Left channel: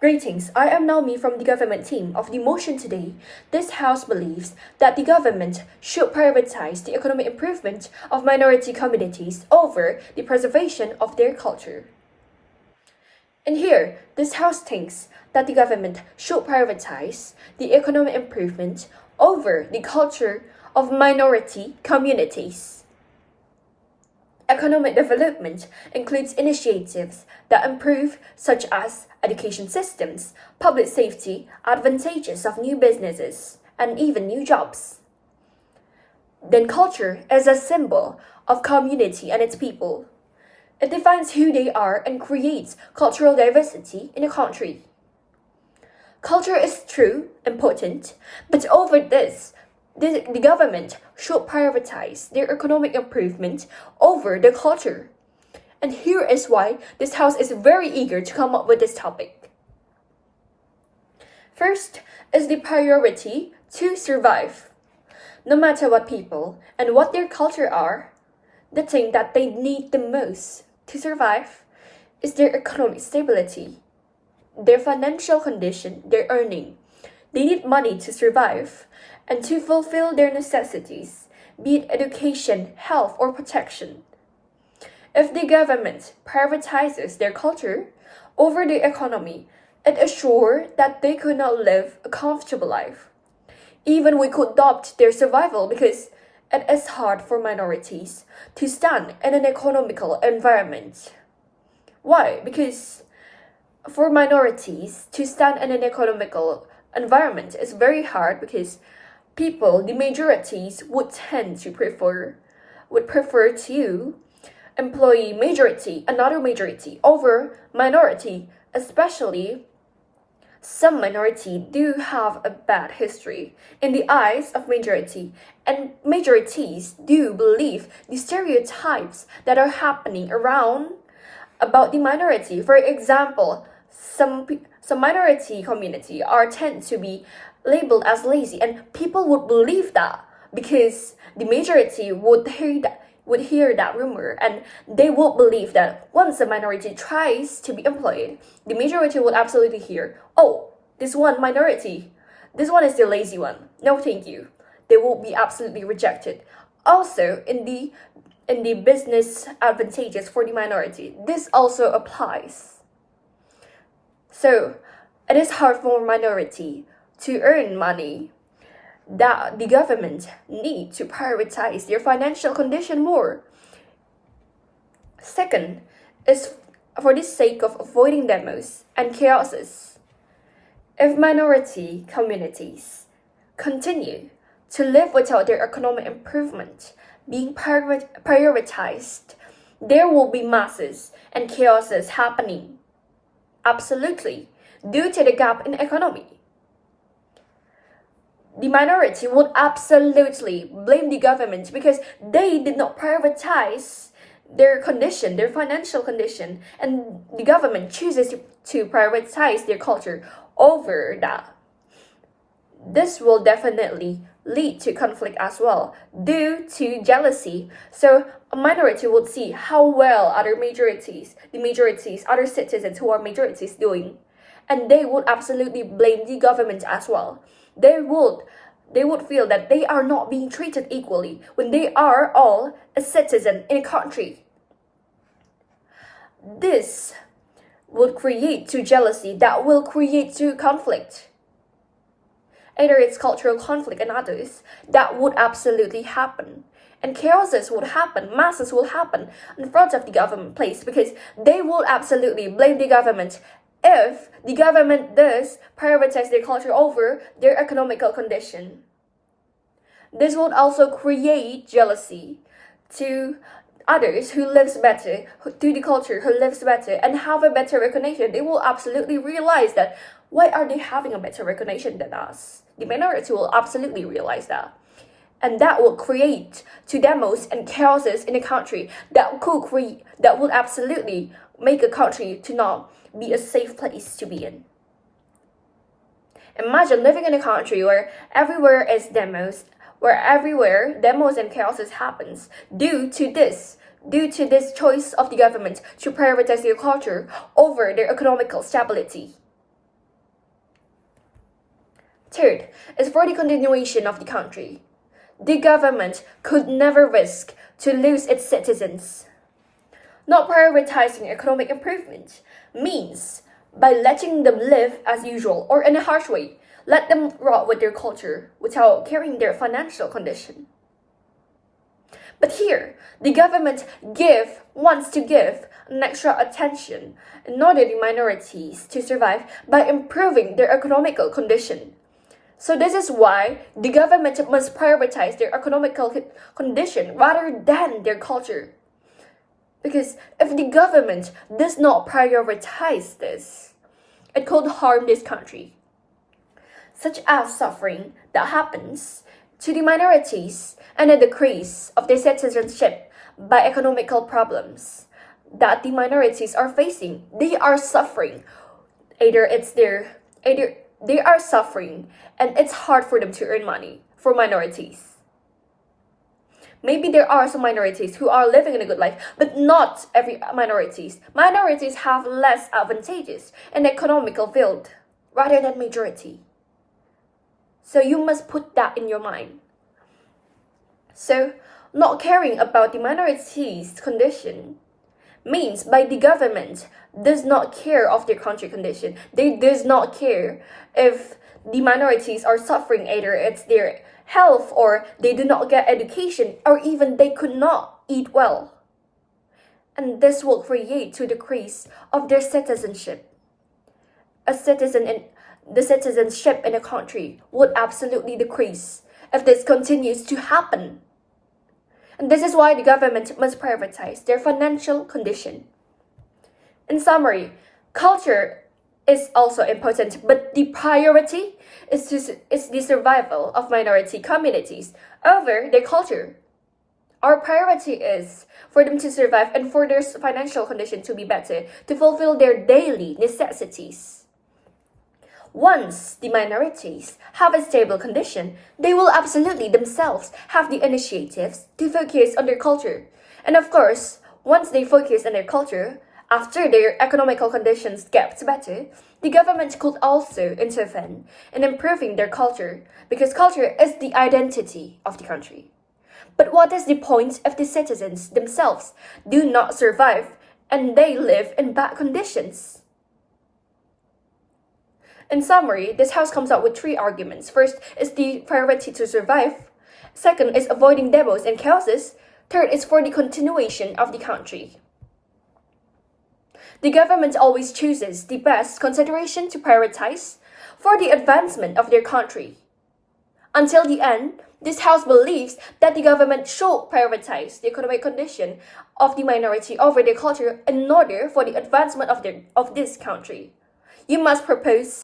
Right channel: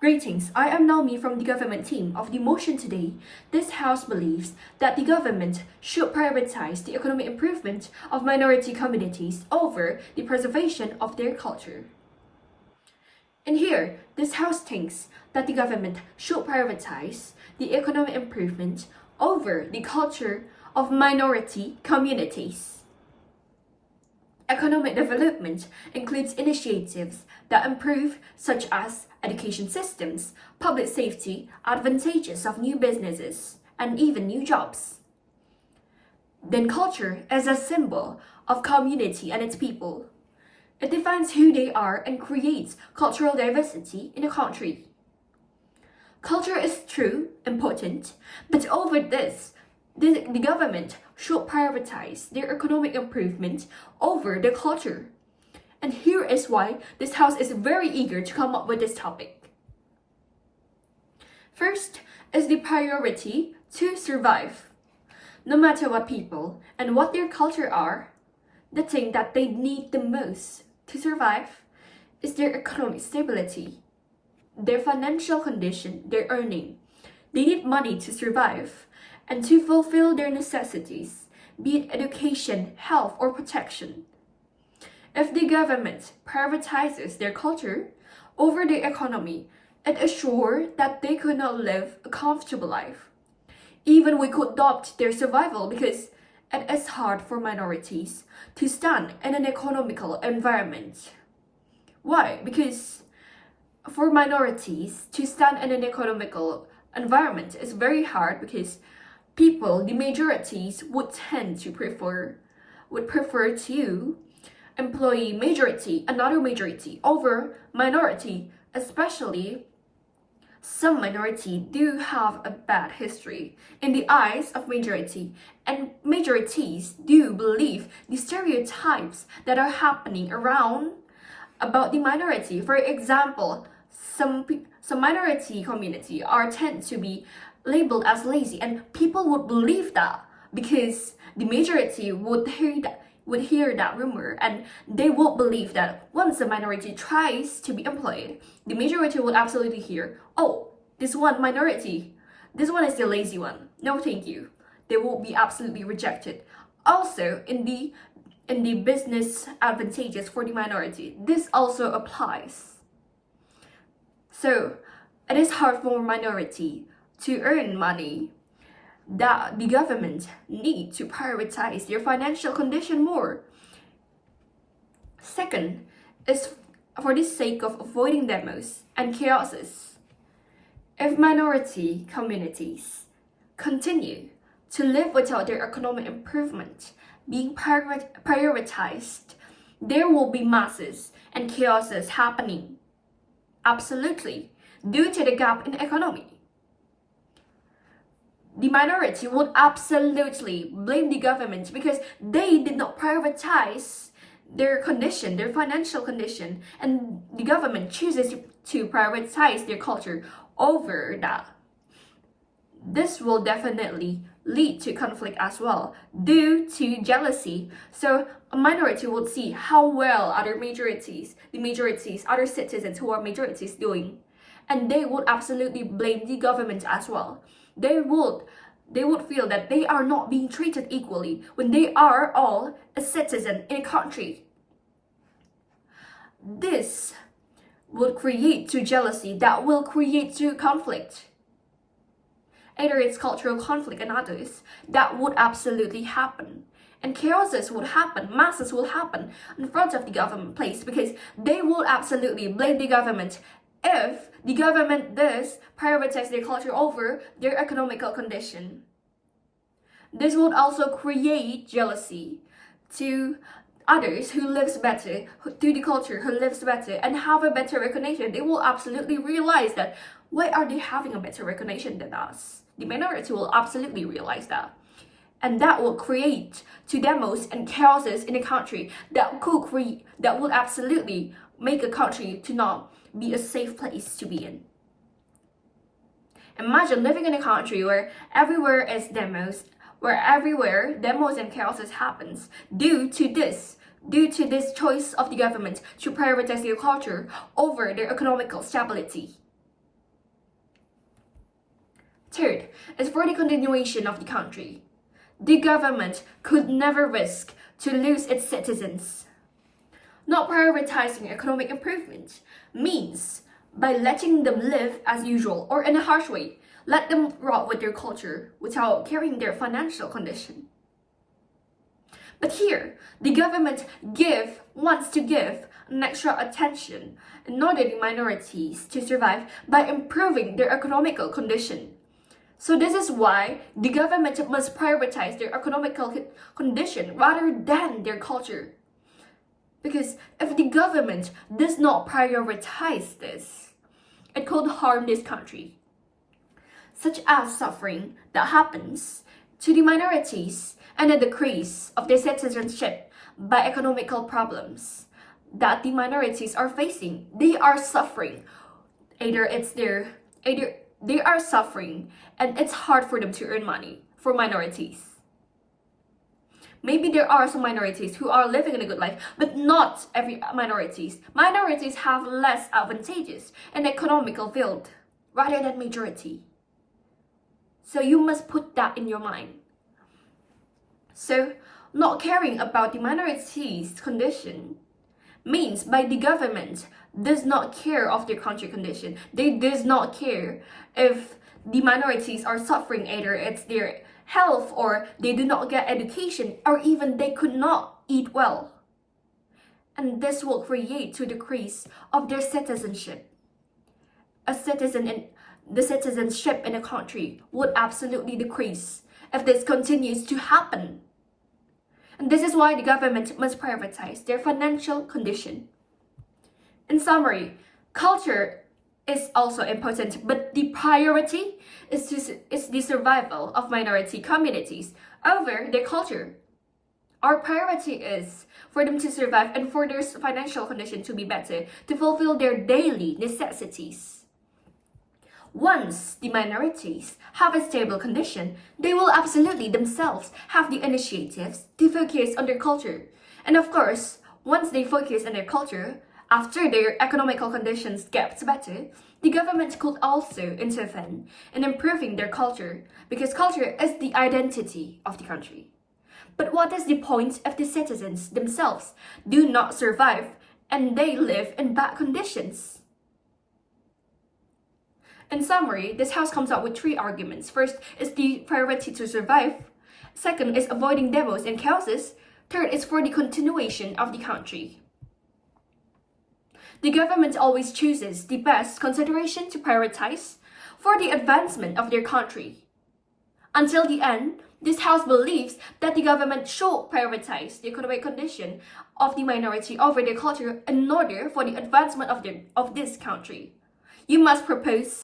Greetings, I am Naomi from the government team of the motion today. This House believes that the government should prioritize the economic improvement of minority communities over the preservation of their culture. And here, this House thinks that the government should prioritize the economic improvement over the culture of minority communities. Economic development includes initiatives that improve, such as education systems, public safety, advantages of new businesses, and even new jobs. Then culture is a symbol of community and its people. It defines who they are and creates cultural diversity in a country. Culture is true, important, but over this, the government should prioritize their economic improvement over their culture. And here is why this House is very eager to come up with this topic. First is the priority to survive. No matter what people and what their culture are, the thing that they need the most to survive is their economic stability, their financial condition, their earning. They need money to survive and to fulfill their necessities, be it education, health, or protection. If the government prioritizes their culture over the economy, it is sure that they could not live a comfortable life. Even we could doubt their survival because it is hard for minorities to stand in an economical environment. Why? Because for minorities to stand in an economical environment is very hard because people, the majorities, would tend to prefer to employ majority, another majority, over minority, especially some minority do have a bad history in the eyes of majority, and majorities do believe the stereotypes that are happening around about the minority. For example, some minority community are tend to be labeled as lazy, and people would believe that because the majority would hear that rumor, and they would believe that once a minority tries to be employed, the majority would absolutely hear, oh, this one is the lazy one, no thank you. They will be absolutely rejected. Also, in the business advantages for the minority, this also applies. So it is hard for minority to earn money, that the government need to prioritize their financial condition more. Second is for the sake of avoiding demos and chaoses. If minority communities continue to live without their economic improvement being prioritized, there will be masses and chaoses happening. Absolutely, due to the gap in economy. The minority would absolutely blame the government because they did not prioritize their condition, their financial condition, and the government chooses to prioritize their culture over that. This will definitely lead to conflict as well due to jealousy. So a minority would see how well other citizens who are majorities doing, and they would absolutely blame the government as well. They would feel that they are not being treated equally when they are all a citizen in a country. This will create to jealousy, that will create to conflict. Either it's cultural conflict and others, that would absolutely happen. And chaoses would happen, masses will happen in front of the government place because they will absolutely blame the government if the government does prioritize their culture over their economical condition. This would also create jealousy to others who lives better, to the culture who lives better and have a better recognition. They will absolutely realize that why are they having a better recognition than us? The minority will absolutely realize that. And that will create to demos and chaoses in a country that would absolutely make a country to not be a safe place to be in. Imagine living in a country where everywhere demos and chaoses happens due to this choice of the government to prioritize their culture over their economical stability. Third is for the continuation of the country. The government could never risk to lose its citizens. Not prioritizing economic improvement means by letting them live as usual or in a harsh way, let them rot with their culture without caring their financial condition. But here, the government wants to give an extra attention in order the minorities to survive by improving their economical condition. So this is why the government must prioritize their economical condition rather than their culture. Because if the government does not prioritize this, it could harm this country, such as suffering that happens to the minorities and a decrease of their citizenship by economical problems that the minorities are facing. They are suffering. They are suffering and it's hard for them to earn money for minorities. Maybe there are some minorities who are living in a good life, but not every minorities. Minorities have less advantages in the economical field rather than majority. So you must put that in your mind. So not caring about the minorities' condition means by the government does not care of their country condition. They does not care if the minorities are suffering, either it's their health or they do not get education or even they could not eat well. And this will create to decrease of their citizenship. The citizenship in a country would absolutely decrease if this continues to happen. And this is why the government must prioritize their financial condition. In summary, culture is also important, but the priority is the survival of minority communities over their culture. Our priority is for them to survive and for their financial condition to be better, to fulfill their daily necessities. Once the minorities have a stable condition, they will absolutely themselves have the initiatives to focus on their culture. And of course, once they focus on their culture, after their economical conditions get better, the government could also intervene in improving their culture, because culture is the identity of the country. But what is the point if the citizens themselves do not survive and they live in bad conditions? In summary, this house comes up with 3 arguments. First is the priority to survive. Second is avoiding demos and chaoses. Third is for the continuation of the country. The government always chooses the best consideration to prioritize for the advancement of their country. Until the end, this house believes that the government should prioritize the economic condition of the minority over their culture in order for the advancement of this country. You must propose